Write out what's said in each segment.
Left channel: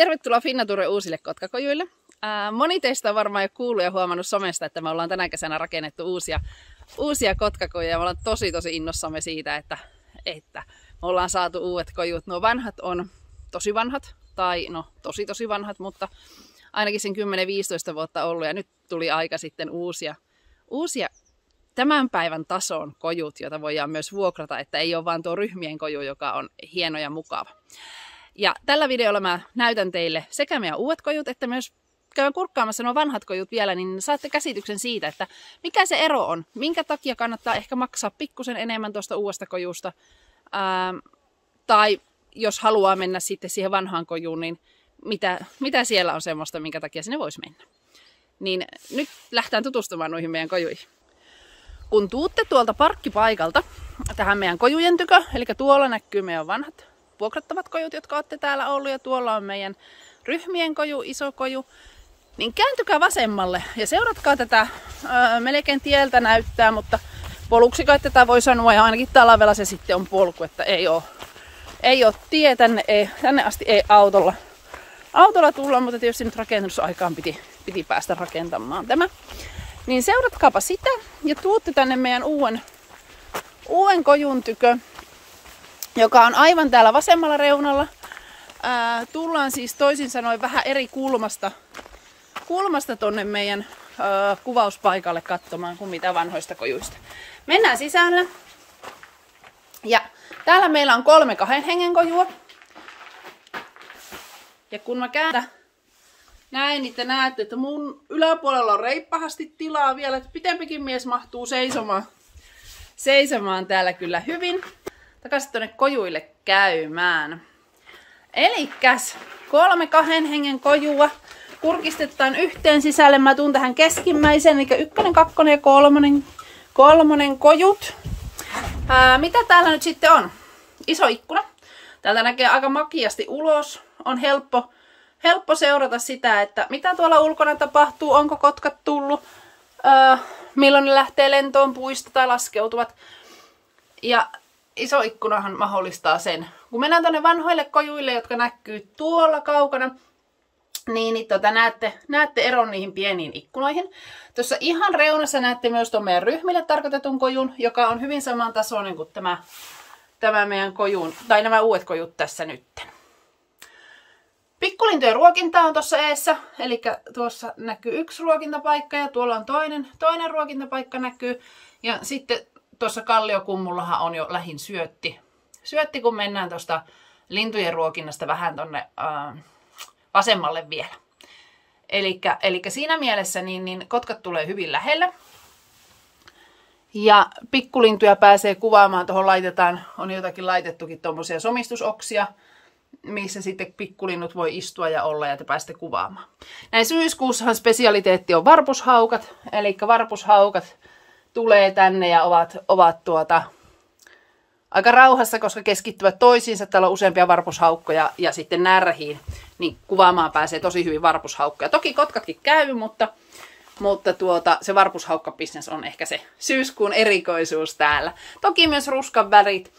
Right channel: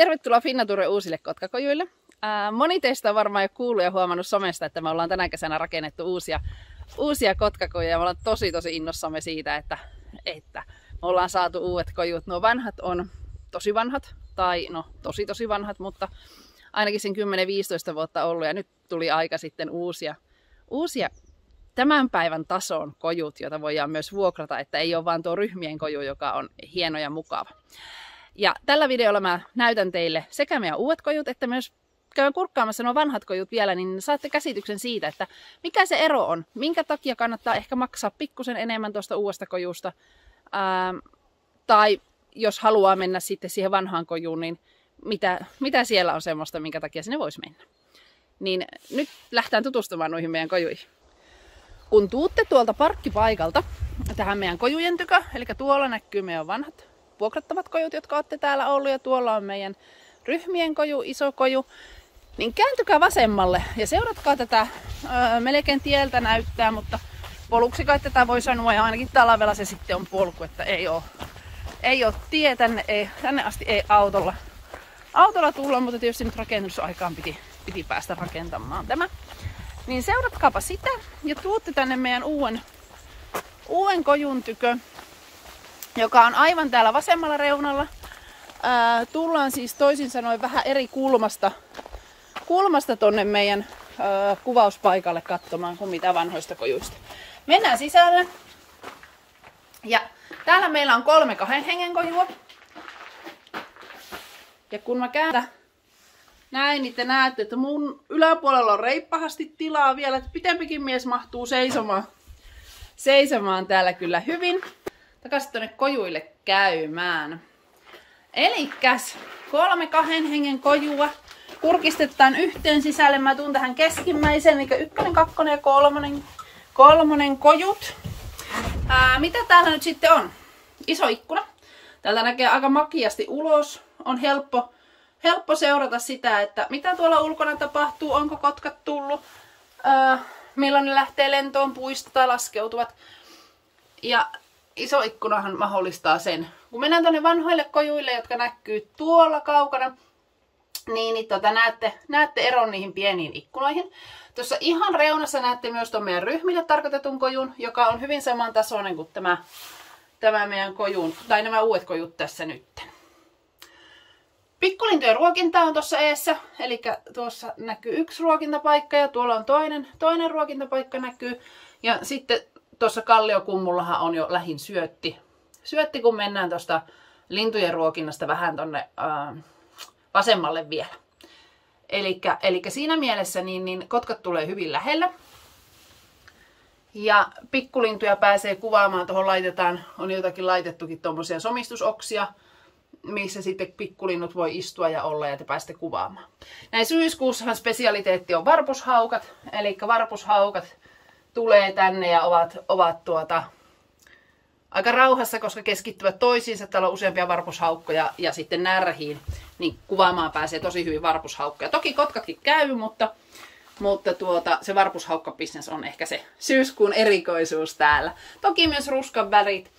Tervetuloa Finnaturen uusille kotkakojuille. Moni teistä on varmaan jo kuullut ja huomannut somesta, että me ollaan tänä kesänä rakennettu uusia kotkakojuja. Me ollaan tosi innossamme siitä, että me ollaan saatu uudet kojut. Nuo vanhat on tosi vanhat, tai no tosi vanhat, mutta ainakin sen 10-15 vuotta ollut. Ja nyt tuli aika sitten uusia tämän päivän tason kojut, joita voidaan myös vuokrata, että ei ole vaan tuo ryhmien koju, joka on hieno ja mukava. Ja tällä videolla mä näytän teille sekä meidän uudet kojut, että myös käyn kurkkaamassa nuo vanhat kojut vielä, niin saatte käsityksen siitä, että mikä se ero on. Minkä takia kannattaa ehkä maksaa pikkusen enemmän tuosta uudesta kojusta. Tai jos haluaa mennä sitten siihen vanhaan kojuun, niin mitä siellä on semmoista, minkä takia sinne voisi mennä. Niin nyt lähdetään tutustumaan noihin meidän kojuihin. Kun tuutte tuolta parkkipaikalta tähän meidän kojujen tykö, eli tuolla näkyy meidän vanhat vuokrattavat kojut, jotka olette täällä ollut, ja tuolla on meidän ryhmien koju, iso koju, niin kääntykää vasemmalle ja seuratkaa tätä, melkein tieltä näyttää, mutta poluksi kai tätä voi sanoa, ja ainakin talvella se sitten on polku, että ei ole tie, tänne asti ei autolla tulla, mutta tietysti nyt rakennusaikaan piti päästä rakentamaan tämä. Niin seuratkaapa sitä ja tuutte tänne meidän uuden kojun tykö, joka on aivan täällä vasemmalla reunalla. Tullaan siis toisin sanoen vähän eri kulmasta tonne meidän kuvauspaikalle katsomaan kuin mitä vanhoista kojuista. Mennään sisälle. Ja täällä meillä on 3 2 hengen kojua. Ja kun mä käännän näin, niin te näette, että mun yläpuolella on reippahasti tilaa vielä, että pitempikin mies mahtuu seisomaan täällä kyllä hyvin. Takaisin tuonne kojuille käymään. Elikkäs 3 2 hengen kojua. Kurkistetaan yhteen sisälle. Mä tuun tähän keskimmäisen, eli 1, 2 ja 3 kojut. Mitä täällä nyt sitten on? Iso ikkuna. Täältä näkee aika makiasti ulos. On helppo seurata sitä, että mitä tuolla ulkona tapahtuu. Onko kotkat tullut? Milloin ne lähtee lentoon puista tai laskeutuvat. Ja iso ikkunahan mahdollistaa sen. Kun mennään tuonne vanhoille kojuille, jotka näkyy tuolla kaukana, niin näette eron niihin pieniin ikkunoihin. Tuossa ihan reunassa näette myös tuon meidän ryhmille tarkoitetun kojun, joka on hyvin samantasoinen kuin tämä meidän kojun, tai nämä uudet kojut tässä nyt. Pikkulintujen ruokinta on tuossa eessä, eli tuossa näkyy 1 ruokintapaikka ja tuolla on toinen ruokintapaikka näkyy. Ja sitten tuossa kalliokummullahan on jo lähin syötti, kun mennään tuosta lintujen ruokinnasta vähän tonne vasemmalle vielä. Eli siinä mielessä niin kotkat tulee hyvin lähellä. Ja pikkulintuja pääsee kuvaamaan, tuohon on jotakin laitettukin tuommoisia somistusoksia, missä sitten pikkulinnut voi istua ja olla ja te pääsette kuvaamaan. Näin syyskuussahan spesialiteetti on varpushaukat, eli varpushaukat tulee tänne ja ovat aika rauhassa, koska keskittyvät toisiinsa. Täällä on useampia varpushaukkoja ja sitten närhiin, niin kuvaamaan pääsee tosi hyvin varpushaukkoja. Toki kotkatkin käy, mutta se varpushaukkabisnes on ehkä se syyskuun erikoisuus täällä. Toki myös ruskan värit.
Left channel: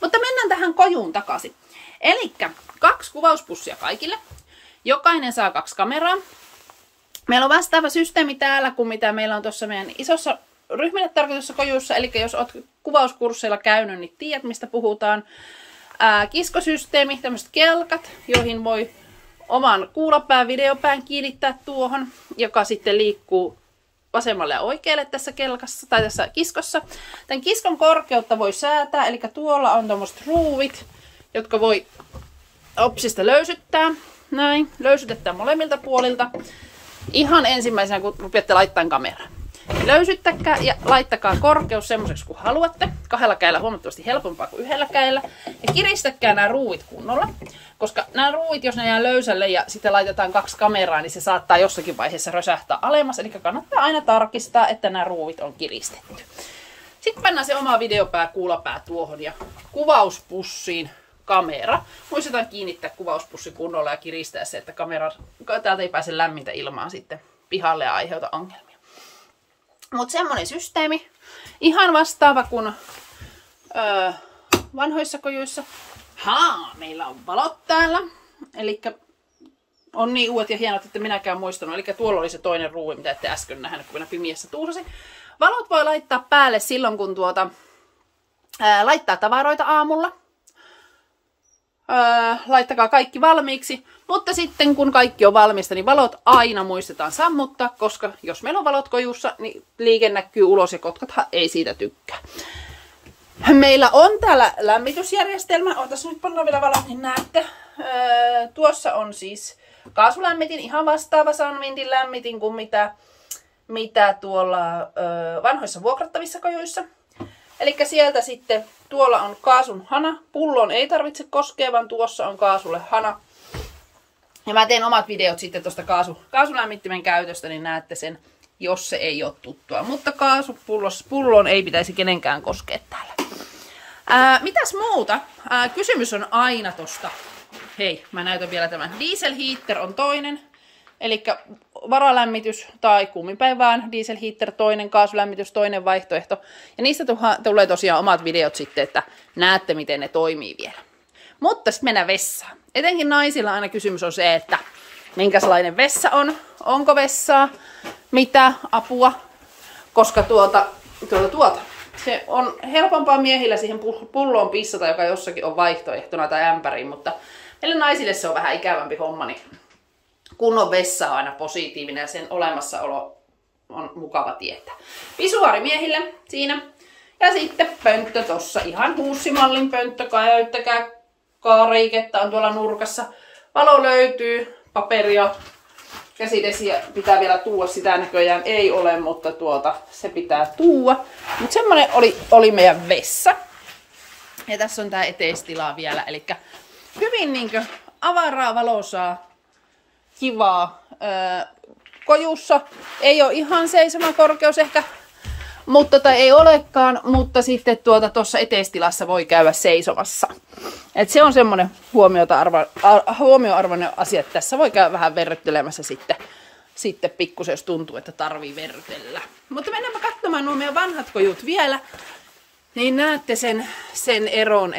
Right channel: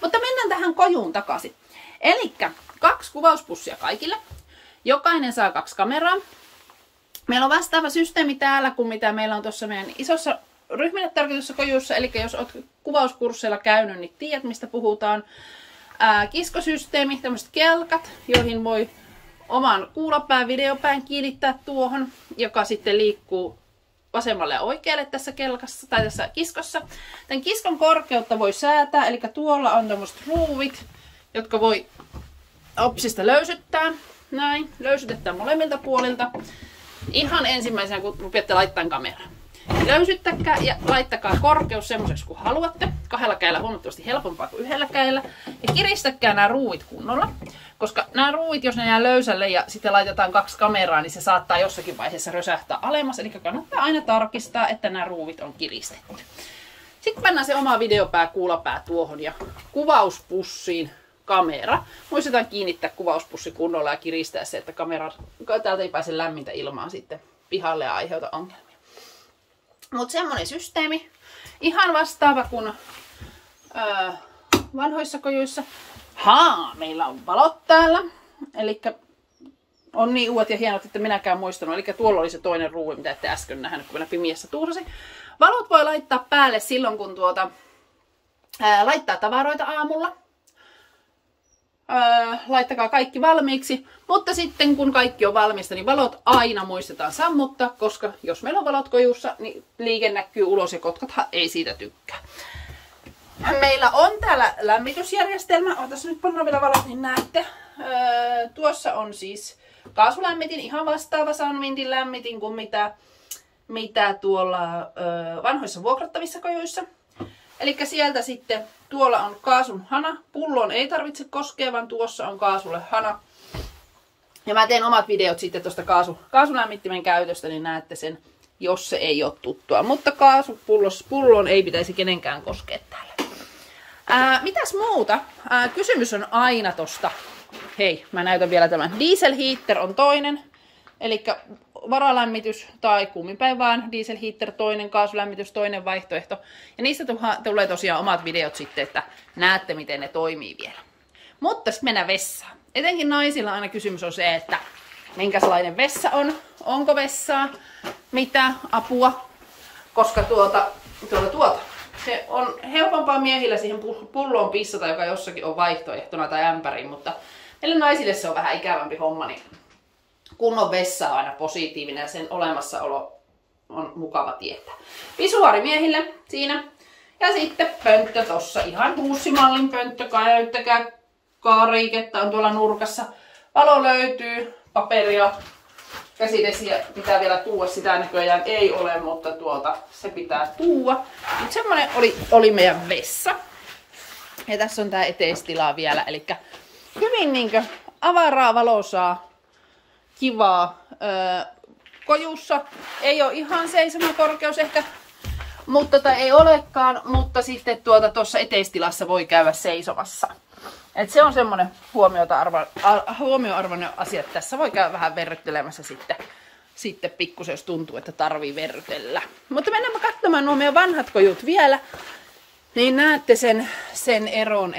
Mutta mennään tähän kojuun takaisin. Elikkä 2 kuvauspussia kaikille. Jokainen saa 2 kameraa. Meillä on vastaava systeemi täällä kuin mitä meillä on tuossa meidän isossa ryhmille tarkoitussa kojuissa. Eli jos olet kuvauskursseilla käynyt, niin tiedät mistä puhutaan. Kiskosysteemi, tämmöiset kelkat, joihin voi oman kuulopään, videopään kiinnittää tuohon, joka sitten liikkuu vasemmalle ja oikealle tässä kelkassa tai tässä kiskossa. Tämän kiskon korkeutta voi säätää, eli tuolla on tämmöiset ruuvit, jotka voi opsista löysyttää. Näin, löysytetään molemmilta puolilta. Ihan ensimmäisenä, kun rupeatte laittamaan kameraa. Löysyttäkää ja laittakaa korkeus semmoiseksi kuin haluatte. 2 kädellä huomattavasti helpompaa kuin 1 kädellä. Ja kiristäkää nämä ruuvit kunnolla. Koska nämä ruuvit, jos ne jää löysälle ja sitten laitetaan 2 kameraa, niin se saattaa jossakin vaiheessa rösähtää alemmas. Eli kannattaa aina tarkistaa, että nämä ruuvit on kiristetty. Sitten pannaan se oma videopää, kuulopää tuohon ja kuvauspussiin kamera. Muistetaan kiinnittää kuvauspussi kunnolla ja kiristää se, että täältä ei pääse lämmintä ilmaa sitten pihalle ja aiheuta ongelmia. Mutta semmonen systeemi, ihan vastaava kuin vanhoissa kojuissa. Meillä on valot täällä. Eli on niin uudet ja hienot, että minäkään muistanut. Eli tuolla oli se toinen ruuvi, mitä ette äsken nähnyt, kun minä pimiässä tuusasin. Valot voi laittaa päälle silloin, kun laittaa tavaroita aamulla. Laittakaa kaikki valmiiksi, mutta sitten kun kaikki on valmista, niin valot aina muistetaan sammuttaa, koska jos meillä on valot kojussa, niin liike näkyy ulos ja kotkathan ei siitä tykkää. Meillä on täällä lämmitysjärjestelmä, otas nyt pannaan vielä valot, niin näette. Tuossa on siis kaasulämmitin, ihan vastaava Sunwindin lämmitin kuin mitä tuolla vanhoissa vuokrattavissa kojuissa. Eli sieltä sitten tuolla on kaasun hana. Pulloon ei koskea, vaan tuossa on kaasulle hana. Ja mä teen omat videot sitten tuosta kaasulämmittimen käytöstä, niin näette sen, jos se ei ole tuttua. Mutta kaasupulloon ei pitäisi kenenkään koskea täällä. Mitäs muuta? Kysymys on aina tosta. Hei, mä näytän vielä tämän. Diesel heater on toinen. Eli varalämmitys tai kumminpäin vaan diesel heater toinen, kaasulämmitys toinen vaihtoehto. Ja niistä tulee tosiaan omat videot sitten, että näette miten ne toimii vielä. Mutta sitten mennään vessaan. Etenkin naisilla aina kysymys on se, että minkälainen vessa on, onko vessaa, mitä apua, koska se on helpompaa miehillä siihen pulloon pissata, joka jossakin on vaihtoehtona tai ämpäriin, mutta meille naisille se on vähän ikävämpi homma, niin kunnon vessa on aina positiivinen ja sen olemassaolo on mukava tietää. Pisuaari miehille siinä. Ja sitten pönttö tossa, ihan huussimallin pönttö, käyttäkää kaariketta on tuolla nurkassa. Valo löytyy, paperia, käsidesiä pitää vielä tuua, sitä näköjään ei ole, mutta se pitää tuua. Mutta semmonen oli meidän vessa. Ja tässä on tää eteistila vielä, eli hyvin niinkö avaraa valosaa, kivaa. Kojussa ei ole ihan seisomakorkeus ehkä, mutta ei olekaan, mutta sitten tuossa eteistilassa voi käydä seisomassa. Et se on semmoinen huomioarvoinen asia, että tässä voi käydä vähän verryttelemässä sitten pikkusen, jos tuntuu, että tarvii verrytellä. Mutta mennäänpä katsomaan nuo meidän vanhat kojut vielä, niin näette sen eron,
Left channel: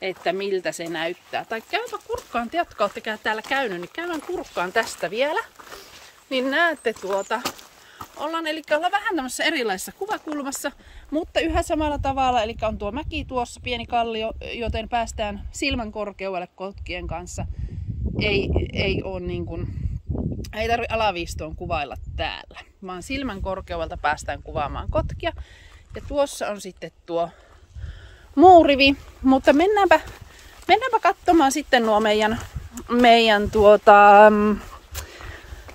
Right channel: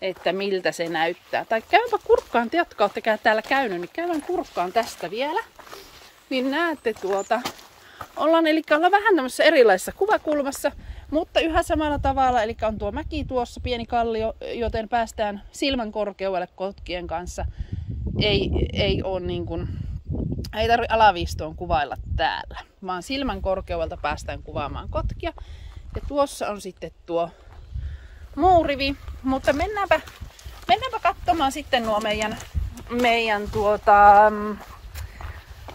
että miltä se näyttää. Tai käypä kurkkaan, te jotka olette täällä käynyt, niin käydään kurkkaan tästä vielä. Niin näette ollaan vähän tämmöisessä erilaisessa kuvakulmassa, mutta yhä samalla tavalla, eli on tuo mäki tuossa, pieni kallio, joten päästään silmän korkeudelle kotkien kanssa. Ei tarvitse alaviistoon kuvailla täällä, vaan silmän korkeudelta päästään kuvaamaan kotkia. Ja tuossa on sitten tuo muurivi, mutta mennäänpä katsomaan sitten nuo meidän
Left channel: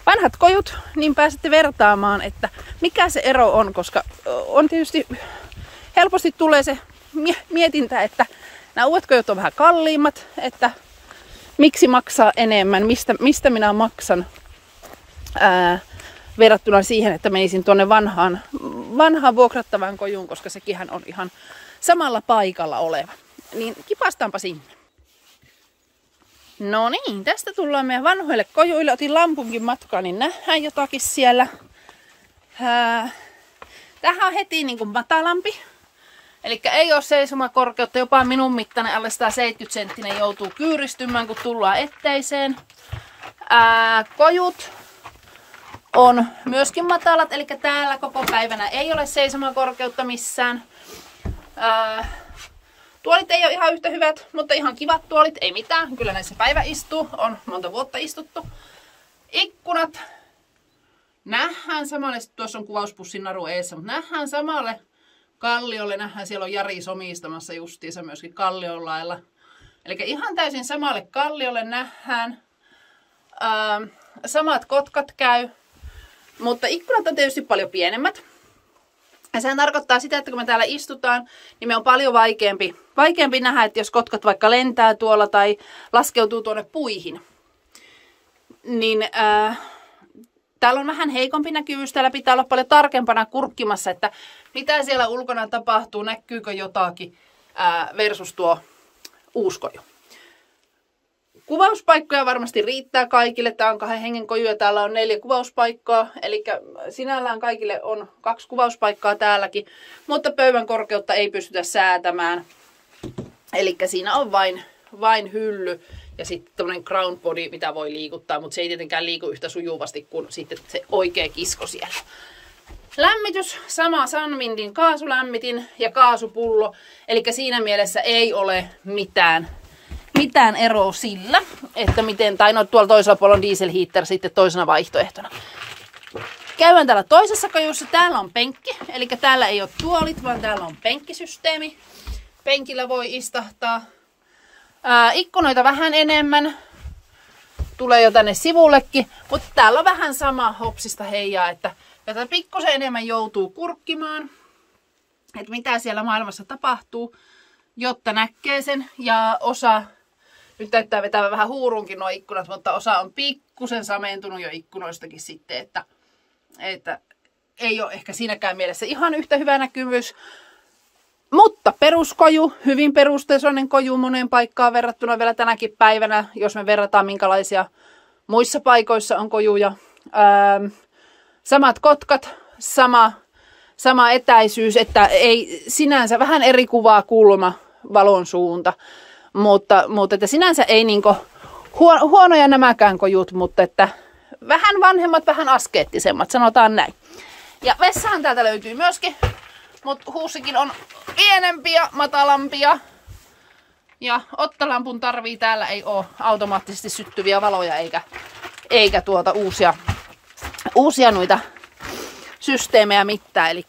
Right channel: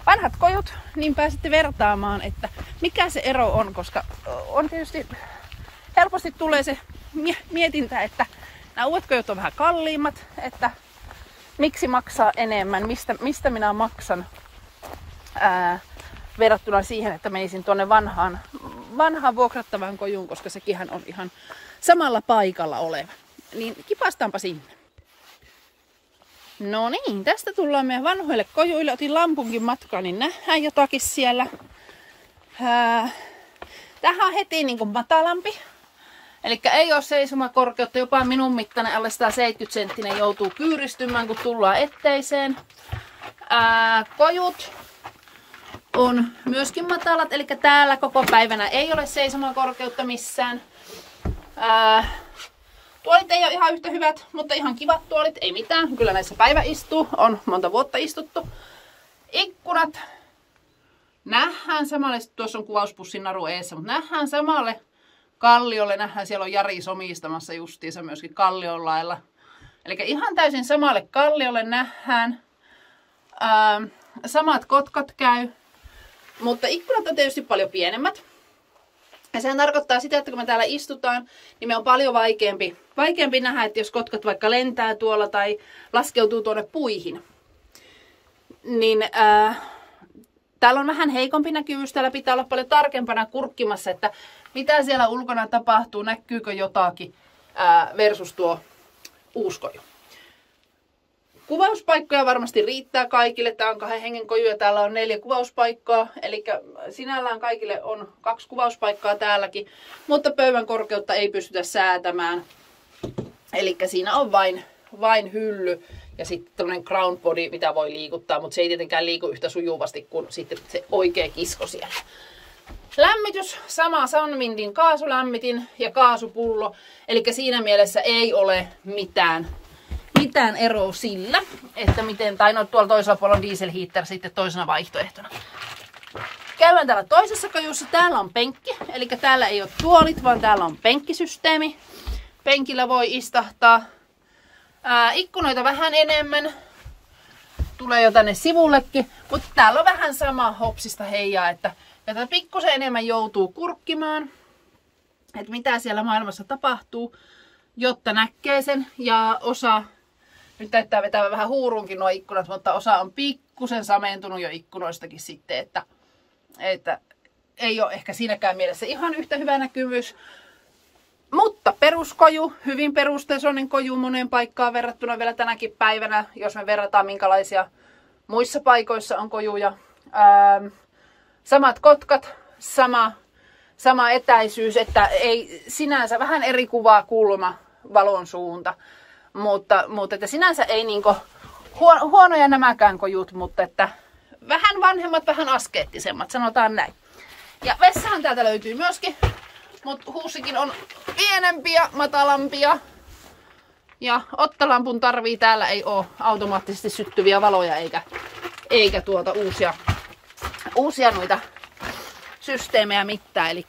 vanhat kojut, niin pääsette vertaamaan, että mikä se ero on, koska on tietysti helposti tulee se mietintä, että nämä uudet kojut on vähän kalliimmat, että miksi maksaa enemmän, mistä minä maksan verrattuna siihen, että menisin tuonne vanhaan vuokrattavaan kojuun, koska sekinhän on ihan samalla paikalla oleva. Niin tipastaanpa sinne. No niin, tästä tullaan meidän vanhoille kojuille. Otin lampunkin matkaa, niin nähdään jotakin siellä. Tähän on heti niin kuin matalampi. Eli ei ole seisomakorkeutta, jopa minun mittainen alle 170 senttinen joutuu kyyristymään, kun tullaan etteiseen. Kojut on myöskin matalat, eli täällä koko päivänä ei ole seisomakorkeutta missään. Tuolit ei ole ihan yhtä hyvät, mutta ihan kivat tuolit, ei mitään. Kyllä näissä päivä istuu, on monta vuotta istuttu. Ikkunat nähdään samalle, tuossa on kuvauspussin naru eessä, mutta nähdään samalle kalliolle, nähdään siellä on Jari somistamassa justiinsa myöskin kallion lailla. Eli ihan täysin samalle kalliolle nähdään. Samat kotkat käy, mutta ikkunat on tietysti paljon pienemmät. Ja sehän tarkoittaa sitä, että kun me täällä istutaan, niin me on paljon vaikeampi nähdä, että jos kotkat vaikka lentää tuolla tai laskeutuu tuonne puihin. Niin täällä on vähän heikompi näkyvyys, täällä pitää olla paljon tarkempana kurkkimassa, että mitä siellä ulkona tapahtuu, näkyykö jotakin versus tuo uuskoju. Kuvauspaikkoja varmasti riittää kaikille. Tää on 2 hengen koju ja täällä on 4 kuvauspaikkaa. Eli sinällään kaikille on 2 kuvauspaikkaa täälläkin. Mutta pöydän korkeutta ei pystytä säätämään. Eli siinä on vain hylly ja sitten tämmöinen ground body, mitä voi liikuttaa, mutta se ei tietenkään liiku yhtä sujuvasti kuin sitten se oikea kisko siellä. Lämmitys, sama Sunwindin kaasulämmitin ja kaasupullo, eli siinä mielessä ei ole mitään eroa sillä, että miten, tai no tuolla toisella puolella on diesel heater sitten toisena vaihtoehtona. Käydään täällä toisessa kajussa, täällä on penkki, eli täällä ei ole tuolit, vaan täällä on penkkisysteemi. Penkillä voi istahtaa. Ikkunoita vähän enemmän, tulee jo tänne sivullekin, mutta täällä on vähän sama hopsista heijaa, että tätä pikkusen enemmän joutuu kurkkimaan, että mitä siellä maailmassa tapahtuu, jotta näkee sen. Ja osa, nyt täyttää vetää vähän huurunkin nuo ikkunat, mutta osa on pikkusen sameentunut jo ikkunoistakin sitten, että ei ole ehkä siinäkään mielessä ihan yhtä hyvä näkyvyys. Mutta peruskoju, hyvin perustasoinen koju moneen paikkaan verrattuna vielä tänäkin päivänä, jos me verrataan minkälaisia muissa paikoissa on kojuja. Samat kotkat, sama etäisyys, että ei sinänsä vähän eri kuvaa kulma, valon suunta, mutta että sinänsä ei niinku huonoja nämäkään kojut, mutta että vähän vanhemmat, vähän askeettisemmat, sanotaan näin. Ja vessahan täältä löytyy myöskin, mutta huussikin on pienempiä, matalampia. Ja ottalampun tarvii, täällä ei ole automaattisesti syttyviä valoja eikä uusia noita systeemejä mitään. Eli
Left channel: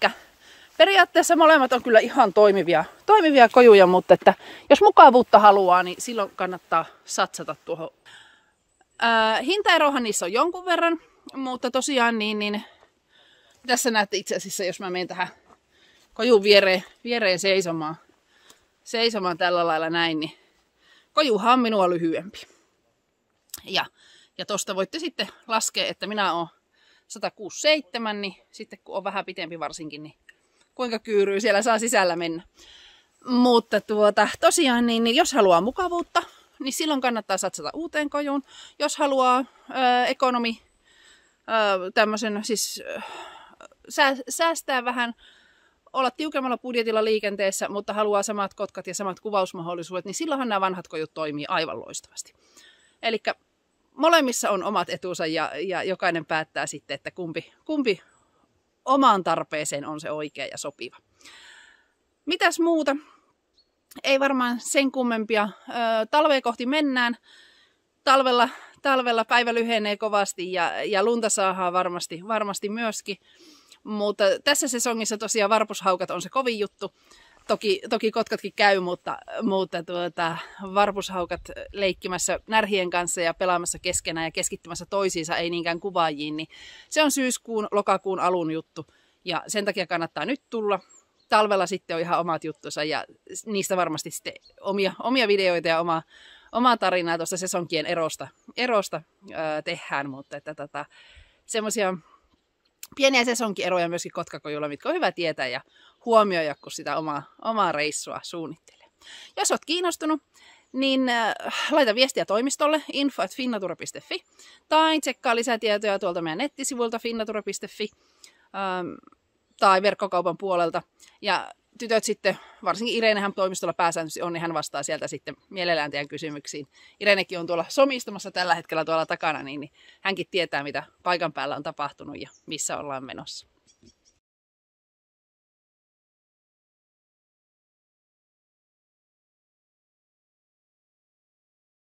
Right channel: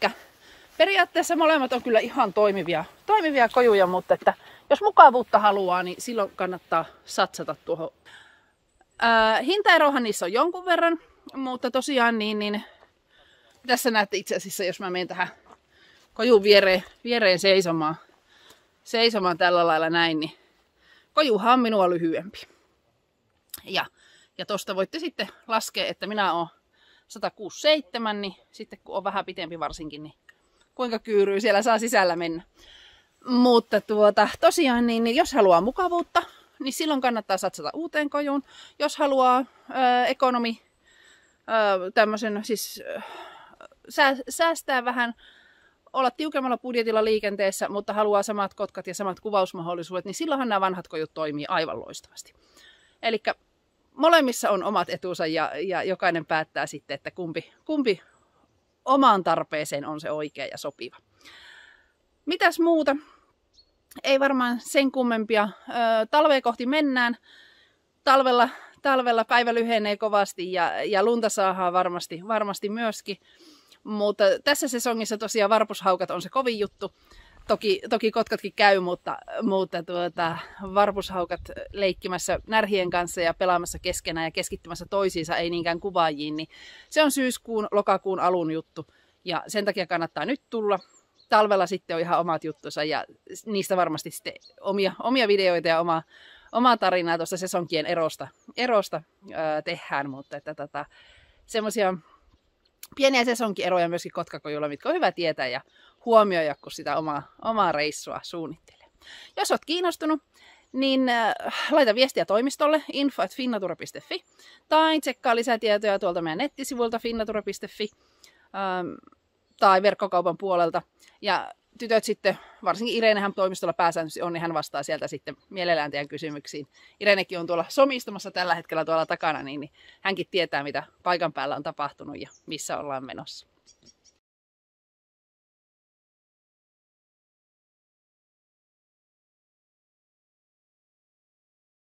periaatteessa molemmat on kyllä ihan toimivia kojuja, mutta että jos mukavuutta haluaa, niin silloin kannattaa satsata tuohon. Hintaerohan niissä on jonkun verran, mutta tosiaan niin tässä näette itse asiassa, jos mä menen tähän kojun viereen seisomaan tällä lailla näin, niin kojuhan on minua lyhyempi. Ja tosta voitte sitten laskea, että minä olen 167, niin sitten kun on vähän pitempi varsinkin, niin kuinka kyyryy siellä saa sisällä mennä. Mutta tosiaan, niin jos haluaa mukavuutta, niin silloin kannattaa satsata uuteen kojuun. Jos haluaa ekonomi, tämmöisen siis säästää vähän, olla tiukemmalla budjetilla liikenteessä, mutta haluaa samat kotkat ja samat kuvausmahdollisuudet, niin silloinhan nämä vanhat kojut toimii aivan loistavasti. Eli molemmissa on omat etunsa ja jokainen päättää sitten, että kumpi omaan tarpeeseen on se oikea ja sopiva. Mitäs muuta? Ei varmaan sen kummempia. Talvea kohti mennään. Talvella päivä lyhenee kovasti ja lunta saadaan varmasti myöskin. Mutta tässä sesongissa tosiaan varpushaukat on se kovin juttu. Toki kotkatkin käy, mutta varpushaukat leikkimässä närhien kanssa ja pelaamassa keskenään ja keskittymässä toisiinsa, ei niinkään kuvaajiin, niin se on syyskuun, lokakuun alun juttu. Ja sen takia kannattaa nyt tulla. Talvella sitten on ihan omat juttunsa ja niistä varmasti sitten omia videoita ja omaa tarinaa tuossa sesonkien erosta tehdään, mutta että semmoisia pieniä sesonkieroja myöskin kotkakojulla, mitkä on hyvä tietää ja huomioida, kun sitä omaa reissua suunnittelee. Jos olet kiinnostunut, niin laita viestiä toimistolle info@finnatura.fi tai tsekkaa lisätietoja tuolta meidän nettisivuilta finnatura.fi tai verkkokaupan puolelta. Ja tytöt sitten, varsinkin Irenehän toimistolla pääsääntöisesti on, niin hän vastaa sieltä sitten mielellään teidän kysymyksiin. Irenekin on tuolla somistamassa tällä hetkellä tuolla takana, niin hänkin tietää, mitä paikan päällä on tapahtunut ja missä ollaan menossa.